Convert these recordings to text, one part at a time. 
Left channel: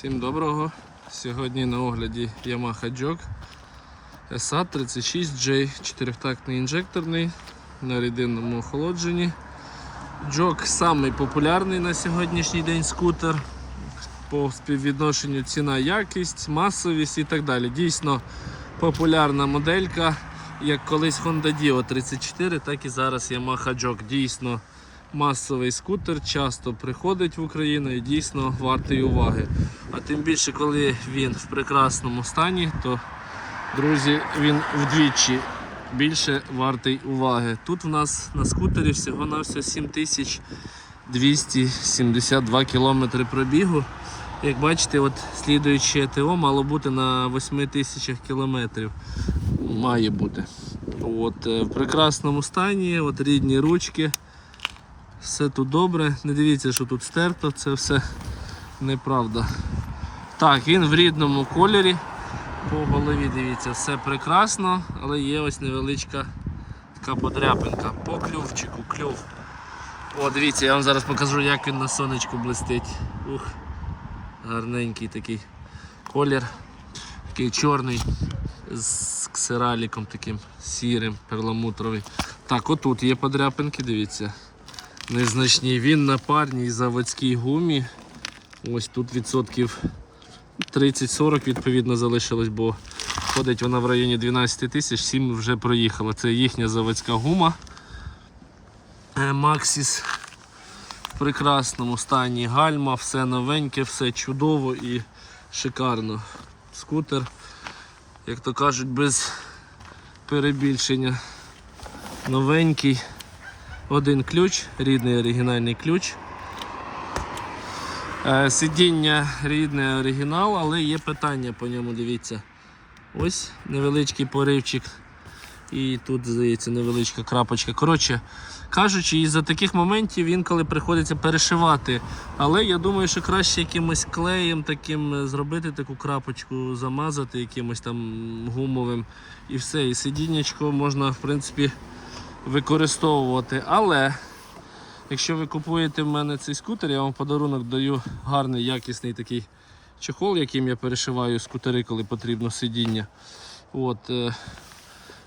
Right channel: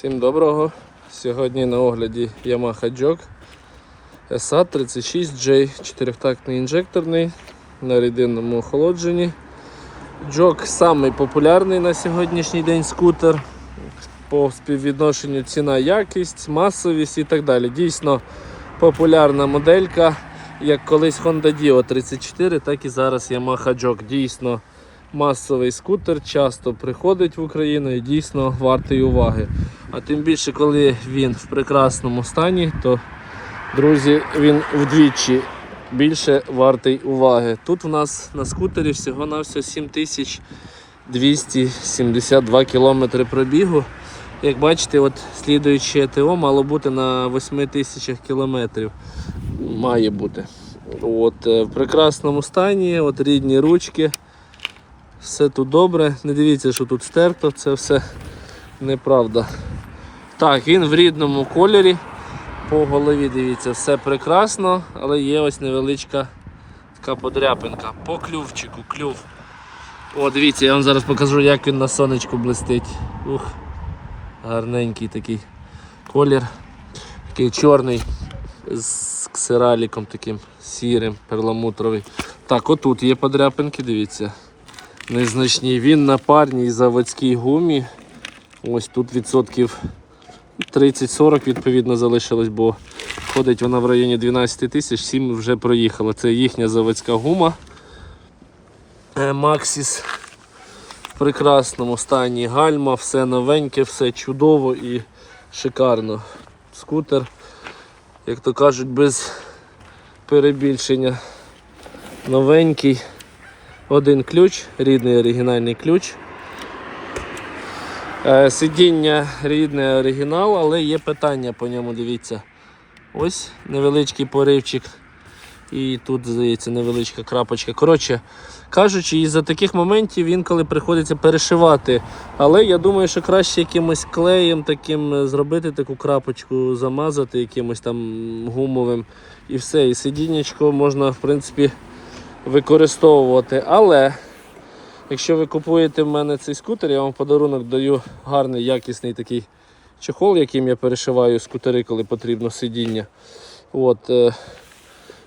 Всім доброго. Сьогодні на огляді Yamaha Jog SA36J, чотирьохтактний інжекторний на рідинному охолодженні. Jog самий популярний на сьогоднішній день скутер по співвідношенню ціна, якість, масовість і так далі. Дійсно популярна моделька, як колись Honda Dio 34, так і зараз Yamaha Jog. Дійсно масовий скутер, часто приходить в Україну і дійсно вартий уваги. А тим більше, коли він в прекрасному стані, то, друзі, він вдвічі більше вартий уваги. Тут у нас на скутері всього-навсього 7272 кілометри пробігу. Як бачите, от слідуюче ТО мало бути на 8 тисячах кілометрів. Має бути. От, е, в прекрасному стані, от рідні ручки. Все тут добре. Не дивіться, що тут стерто, це все неправда. Так, він в рідному кольорі. По голові дивіться, все прекрасно, але є ось невеличка така подряпинка. По клювчику, клюв. О, дивіться, я вам зараз покажу, як він на сонечку блистить. Ух, гарненький такий колір. Такий чорний з ксераліком таким сірим, перламутровий. Так, отут є подряпинки, дивіться. Незначні. Він на парній заводській гумі. Ось тут відсотків 30-40 відповідно залишилось, бо ходить вона в районі 12 тисяч, 7 вже проїхала. Це їхня заводська гума. Е, Maxis в прекрасному стані гальма, все новеньке, все чудово і шикарно. Скутер, як то кажуть, без перебільшення. Новенький. Один ключ, рідний оригінальний ключ. Е, Сидіння рідне оригінал, але є питання по ньому, дивіться. Ось невеличкий поривчик. І тут, здається, невеличка крапочка. Коротше кажучи, із-за таких моментів інколи приходиться перешивати. Але я думаю, що краще якимось клеєм таким е, зробити таку крапочку, замазати якимось там гумовим і все. І сидіннячко можна, в принципі, використовувати. Але якщо ви купуєте в мене цей скутер, я вам в подарунок даю гарний якісний такий чехол, яким я перешиваю скутери, коли потрібно сидіння. От, е,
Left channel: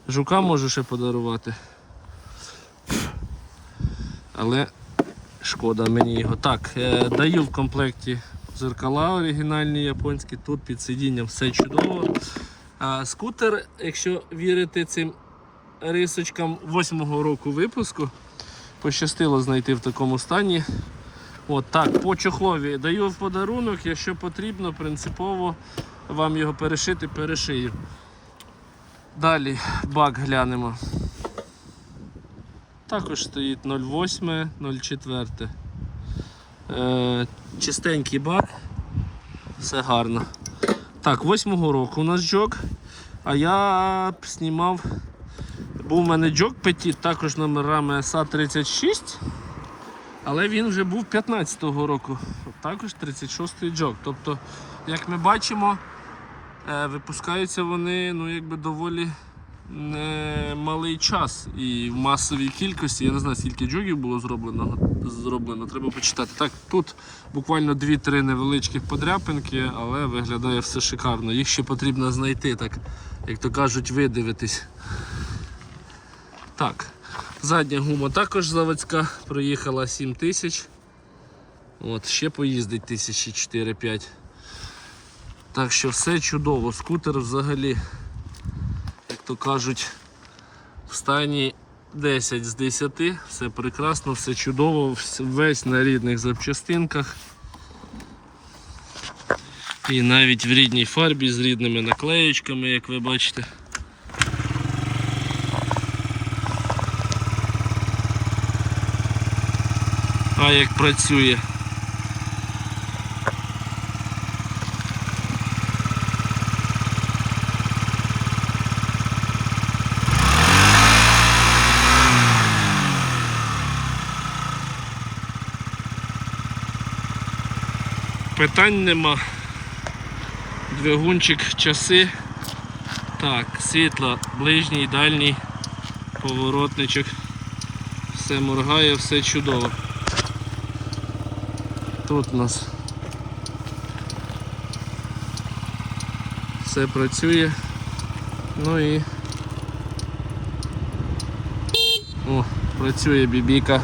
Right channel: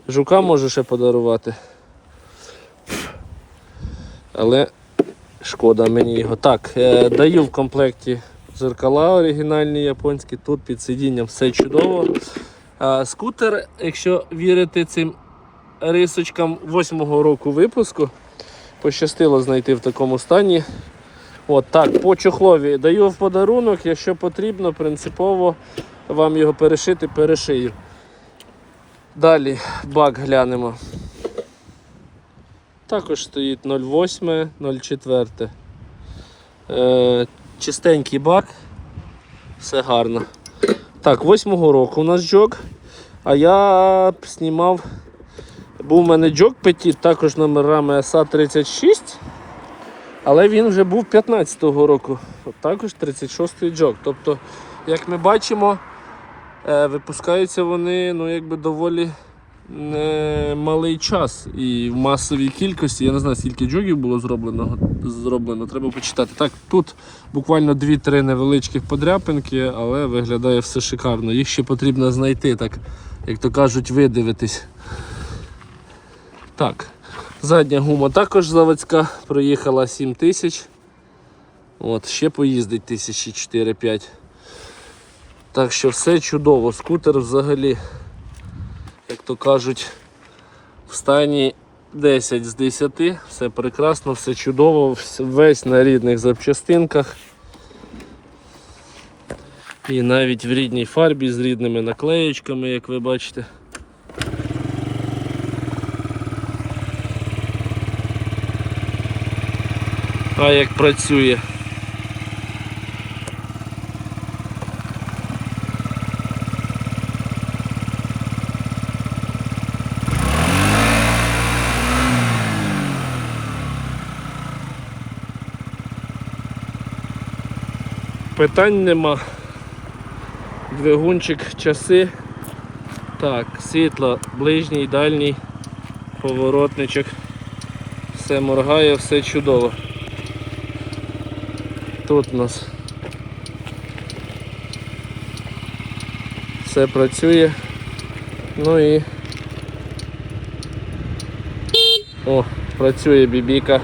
жука можу ще подарувати. Але шкода мені його. Так, е, даю в комплекті зеркала оригінальні японські, тут під сидінням все чудово. Скутер, якщо вірити цим рисочкам 8-го року випуску. Пощастило знайти в такому стані. От так, по чохлові даю в подарунок, якщо потрібно, принципово вам його перешити, перешию. Далі бак глянемо. Також стоїть 0,8, 0,4. Е, чистенький бак. Все гарно. Так, 8-го року у нас джок. А я б знімав був у мене джок Petit, також номерами SA36, але він вже був 15-го року. Також 36-й джок. Тобто, як ми бачимо, е, випускаються вони ну, якби доволі малий час і в масовій кількості. Я не знаю, скільки джогів було зроблено, зроблено, треба почитати. Так, тут буквально 2-3 невеличких подряпинки, але виглядає все шикарно. Їх ще потрібно знайти, так, як то кажуть, видивитись. Так, задня гума також заводська, проїхала 7 тисяч. От, ще поїздить тисячі 4-5. Так що все чудово. Скутер взагалі, як то кажуть, в стані 10 з 10, все прекрасно, все чудово, весь на рідних запчастинках. І навіть в рідній фарбі з рідними наклеєчками, як ви бачите. А як працює. Питань нема. Двигунчик, часи. Так, світло, ближній, дальній, поворотничок. Все моргає, все чудово. Тут у нас Все працює. Ну і. О, працює бібіка.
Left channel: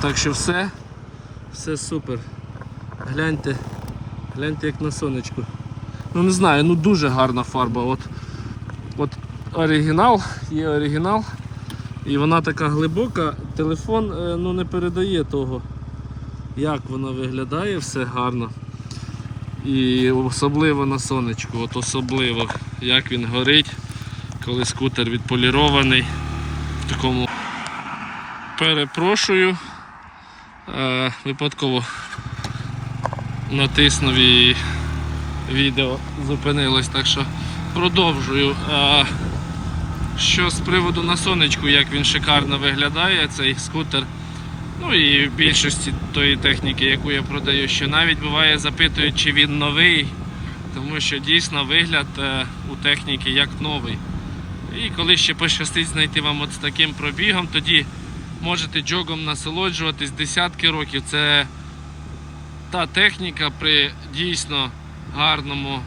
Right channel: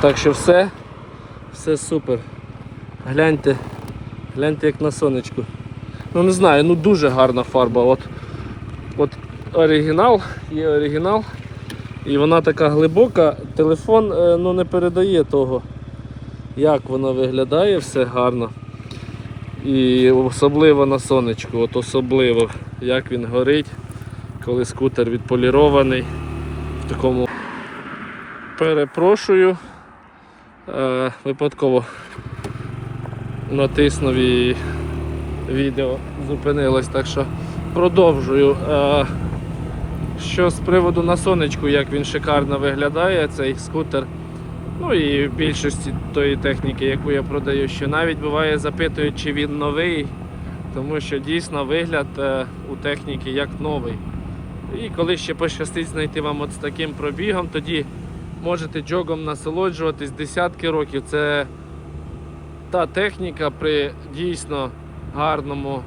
Так що все, все супер. Гляньте, гляньте як на сонечку. Ну не знаю, ну дуже гарна фарба. От, от оригінал, є оригінал. І вона така глибока. Телефон е, ну, не передає того, як вона виглядає, все гарно. І особливо на сонечку, от особливо, як він горить, коли скутер відполірований в такому. Перепрошую. Е, випадково натиснув і відео зупинилось, так що продовжую. Е, що з приводу на сонечку, як він шикарно виглядає, цей скутер. Ну і в більшості тої техніки, яку я продаю, що навіть буває запитують, чи він новий, тому що дійсно вигляд е, у техніки як новий. І коли ще пощастить знайти вам от з таким пробігом, тоді можете джогом насолоджуватись десятки років. Це та техніка при дійсно гарному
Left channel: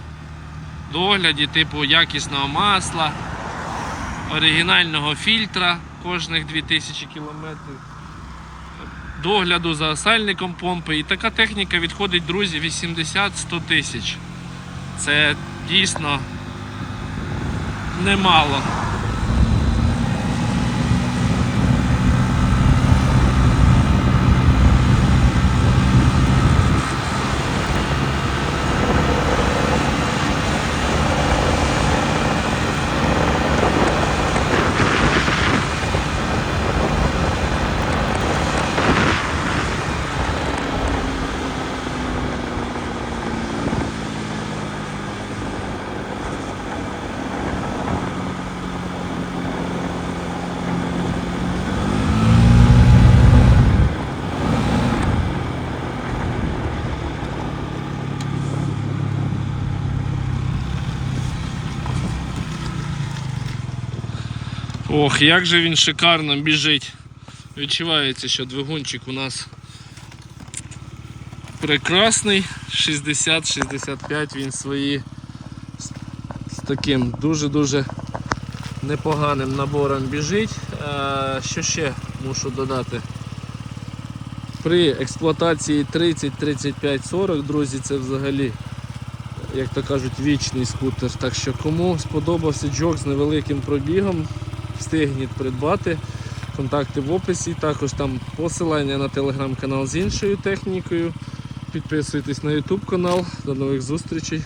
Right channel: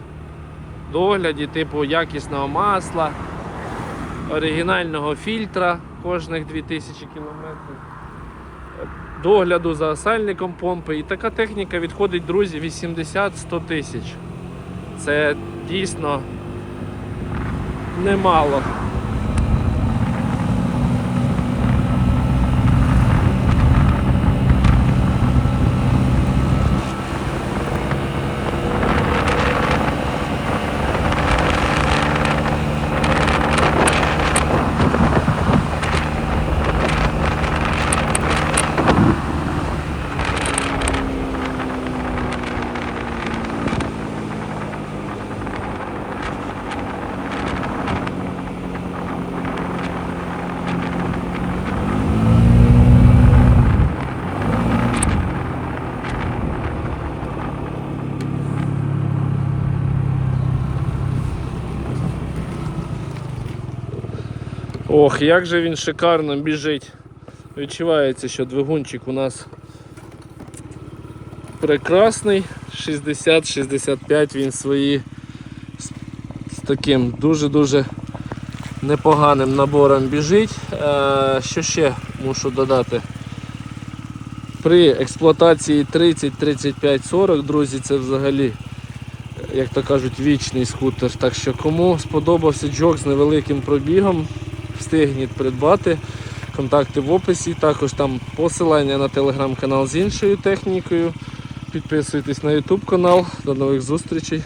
догляді, типу якісного масла, оригінального фільтра кожних 2000 кілометрів догляду за сальником помпи. І така техніка відходить, друзі, 80-100 тисяч. Це дійсно немало. Ох, як же він шикарно біжить. Відчувається, що двигунчик у нас прекрасний. 60-65 він свої з, таким дуже-дуже непоганим набором біжить. Е, що ще мушу додати? При експлуатації 30, 35, 40, друзі, це взагалі, як то кажуть, вічний скутер. Так що кому сподобався джок з невеликим пробігом, встигніть придбати. Контакти в описі, також там посилання на телеграм-канал з іншою технікою. Підписуйтесь на YouTube канал. До нових зустрічей.